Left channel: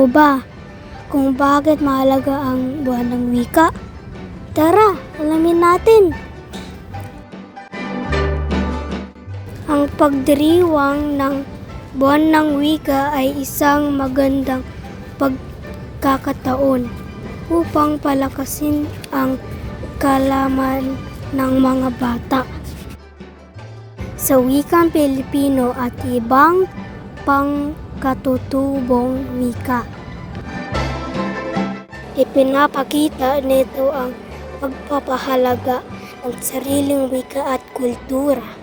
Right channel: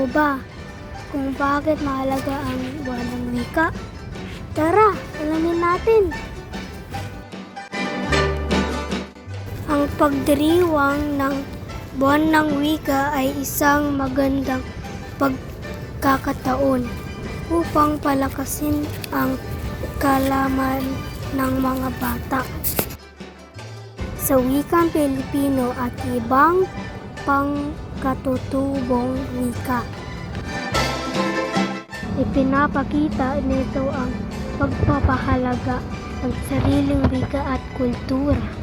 mo ba kung bakit mahalaga ang buwan ng wika? Tara, alamin natin! Ang pagdiriwang ng buwan ng wika ay isang magandang pagkakataon upang palakasin ang kaalaman ng mga bata sa wikang Pilipino at ibang pangkatutubong wika. Ipinapakita nito ang pagpapahalaga ng sariling wika at kultura.